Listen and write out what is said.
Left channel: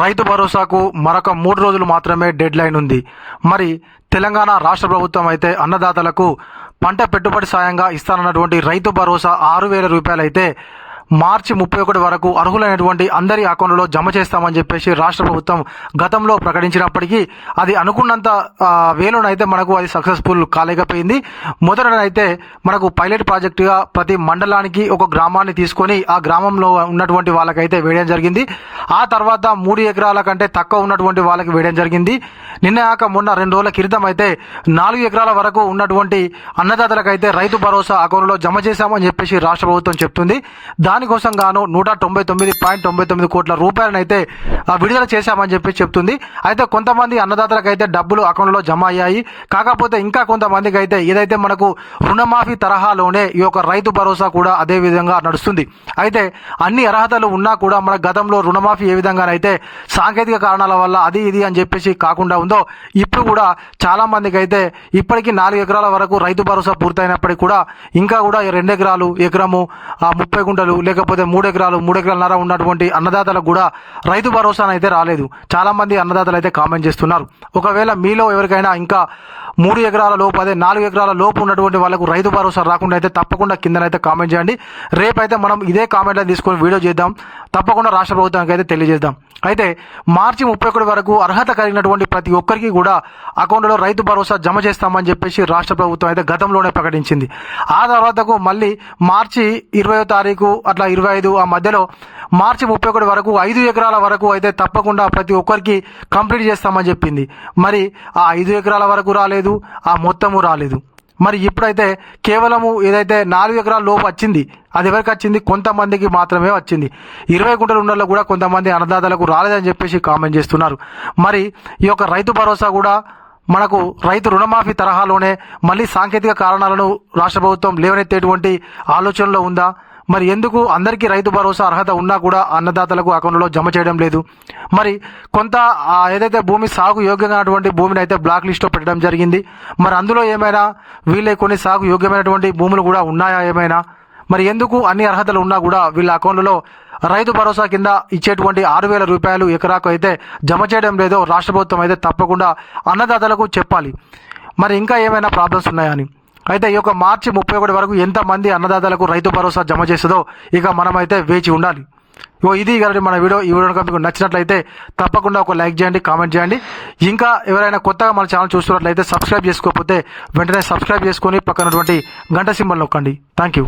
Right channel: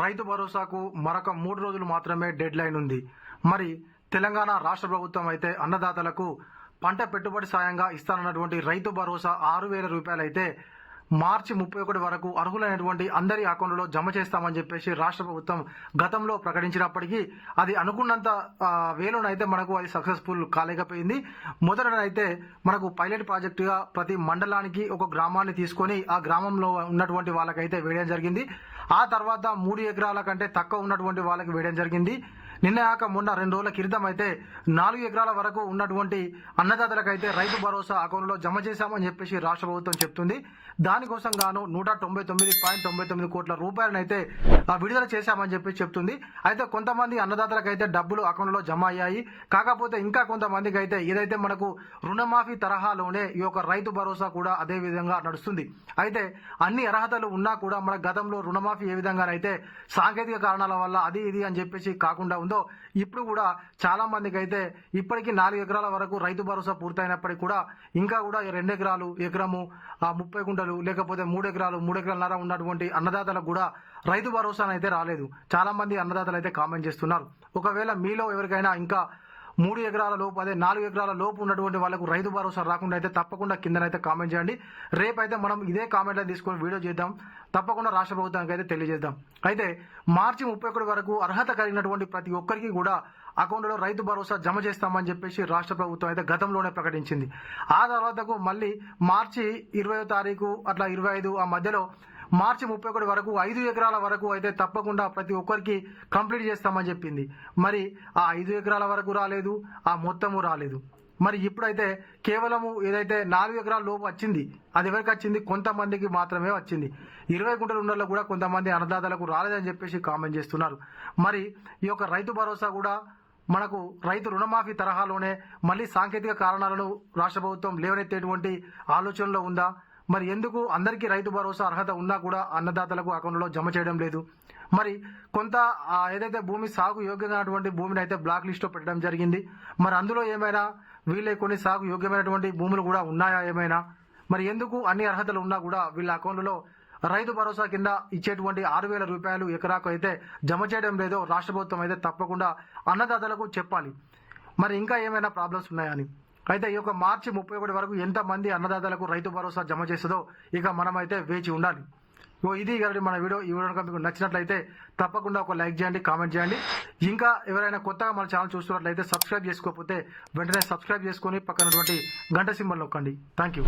రైతు భరోసాకు మరొక మూడు రోజులు మాత్రమే డెడ్ లైన్ ఉంది. మరి తెలంగాణ రాష్ట్ర ప్రభుత్వం అయితే అన్నదాతలకు పంట పెట్టుబడి సాయంగా ఇస్తానన్నటువంటి రైతు భరోసా ఆరు వేల రూపాయలు అయితే మార్చి ముప్పై ఒకటి వరకు అర్హులైనటువంటి అందరి అకౌంట్లో జమ చేస్తామని చెప్పేసి రాష్ట్ర ప్రభుత్వం గతంలో ప్రకటించినప్పటికీ అది అనుకున్నంత వేలోనైతే మనకు అది సక్సెస్ఫుల్ కాలేకపోయింది. మొదటనైతే మనకు పైలట్ ప్రాజెక్టుగా ప్రతి మండలానికి ఒక గ్రామాన్ని తీసుకొని ఆ గ్రామంలో ఉన్నటువంటి వాళ్ళకైతే వేయడం జరిగింది. ఆ తర్వాత మూడు ఎకరాల కంటే తక్కువ ఉన్నటువంటి వాళ్ళకి వేయడం జరిగింది. నిన్న కాక మొన్న రెండు రోజుల క్రితం అయితే నాలుగు ఎకరాల వరకు ఉన్నటువంటి అన్నదాతలకైతే రైతు భరోసా అకౌంట్లో జమ చేశామని చెప్పేసి రాష్ట్ర ప్రభుత్వం చెప్తుంది. దాని దానికోసం గాను నూట తొంభై తొమ్మిది పాయింట్ తొంభై తొమ్మిది కోట్ల రూపాయలను అయితే విడుదల చేశామని చెప్పి చెప్తుంది. అయితే కొంతమంది అన్నదాతలకైతే డబ్బులు అకౌంట్లో జమ అయ్యాయి. కాకపోతే ఇంకా కొంతమందికి అయితే ఏదైతే మనకు రుణమాఫీ తరహాలోనే ఈ యొక్క రైతు భరోసా కూడా అదే విధంగా నడుస్తుంది. అయితే అన్ని అర్హతలు ఉన్నా కూడా మన గతంలో రుణమాఫీ ఏ విధంగానైతే సాంకేతిక కారణాల వల్ల అది ఇది అని చెప్పేసి కాకుండా ఉందో ఇప్పుడు కూడా చాలా మందికి అయితే ఇప్పటికీ నాలుగు ఎకరాల వరకు రైతు భరోసా పూర్తయినప్పటికీ కూడా ఇంకా కూడా ఈ రెండు ఎకరాలు ఎకరము ముప్పై గుంటలు లేకపోతే మూడు ఎకరాలు మూడు ఎకరాలన్నర ఉన్నటువంటి అన్నదాతలకు కూడా రైతు భరోసా అయితే రాలేదు. చాలామంది అన్నదాతలు అయితే కామెంట్ చేస్తున్నారు. ఒకవేళ మీలో ఎవరికైనా ఇంకా మూడు ఎకరాల లోపు అదే నాలుగు ఎకరాల లోపు ఉన్నటువంటి వాళ్ళకు రైతు భరోసా రాకుండా అయితే తప్పకుండా కిందనైతే కామెంట్ చేయండి. రేపైతే మనం ఇదే కామెంట్లో తీసుకొని వీడియో చేద్దాం. తప్పకుండా రాష్ట్ర ప్రభుత్వానికి అయితే తెలియజేద్దాం. అయితే మార్చి ముప్పై ఒకటి వరకు అర్హత కలిగినటువంటి ప్రతి ఒక్కరికి కూడా అకౌంట్లో రైతు భరోసా జమ చేస్తామని చెప్పేసి రాష్ట్ర ప్రభుత్వం అయితే గతంలోనే ప్రకటించింది. ఆ తర్వాతకు మళ్ళీ మార్చి ఇరవయో తారీఖు అట్లా ఇరవై ఐదు ఆ మధ్యలో మార్చి ముప్పై ఒకటి వరకు ఐదు ఎకరాల వరకు అయితే తప్పకుండా ప్రతి ఒక్కరికి కంప్లీట్ చేస్తామని చెప్పింది. మరి ఆ ఐదు ఎకరాల వరకు రాలేదు. ఆ మొత్తము రాలేదు. మరి ఇప్పుడైతే కేవలము ఏదైతే నాలుగు ఎకరాల లోపు వచ్చింది అది ఎవరికి వచ్చింది? కొంతమందికి మాత్రమే వచ్చింది. ఇరవై గుంటలు ఉండల్లో కూడా కొంతమంది అన్నదాతలకు రాలేదని చెప్పేసి కామెంట్ చేస్తున్నారు. మరి ఈ యొక్క రైతు భరోసా కూడా మనకు రైతు రుణమాఫీ తరహాలోనే మళ్ళీ సాంకేతిక కారణాలను రాష్ట్ర ప్రభుత్వం లేవనెత్తేటువంటి ఆలోచనలో ఉందా? మరి ఎందుకు అందరికీ రైతు భరోసా అర్హత ఉన్నా కూడా అన్నదాతలకు అకౌంట్లో జమ చేయడం లేదు? మరి కొంత ఏదైతే భూమి సాగు యోగ్యమైనటువంటి భూమిని అయితే బ్లాక్ లిస్ట్లో పెట్టడం జరిగింది. మరి అందులో ఏమైనా వీళ్ళే కొన్ని సాగు యోగ్యమైనటువంటి భూములు కూడా ఉన్నాయా ఏమైనా? మరి ఎందుకు అన్ని అర్హతలు ఉన్నా కూడా వీళ్ళ అకౌంట్లలో రైతు భరోసా కింద ఇచ్చేటువంటి ఆరు వేల రూపాయలు ఎకరాకు అయితే జమ చేయడం లేదో రాష్ట్ర ప్రభుత్వం అయితే తప్పకుండా అన్నదాతలకు చెప్పాలి. మరి ఇంకా ఏమైనా ప్రాబ్లమ్స్ ఉన్నాయని అయితే ఈ యొక్క మార్చి ముప్పై ఒకటి వరకు ఎంతమంది అన్నదాతలకు రైతు భరోసా జమ చేస్తుందో ఇక మనమైతే వేచి ఉండాలి. ఓ ఇది కాబట్టి మన వీడియో. ఈ వీడియో మీకు నచ్చినట్లయితే తప్పకుండా ఒక లైక్ చేయండి కామెంట్ చేయండి. ఇంకా ఎవరైనా కొత్తగా మన ఛానల్ చూస్తున్నట్లయితే సబ్స్క్రైబ్ చేసుకోకపోతే వెంటనే సబ్స్క్రైబ్ చేసుకొని పక్కనటువంటి గంట సింబల్ నొక్కండి. Thank you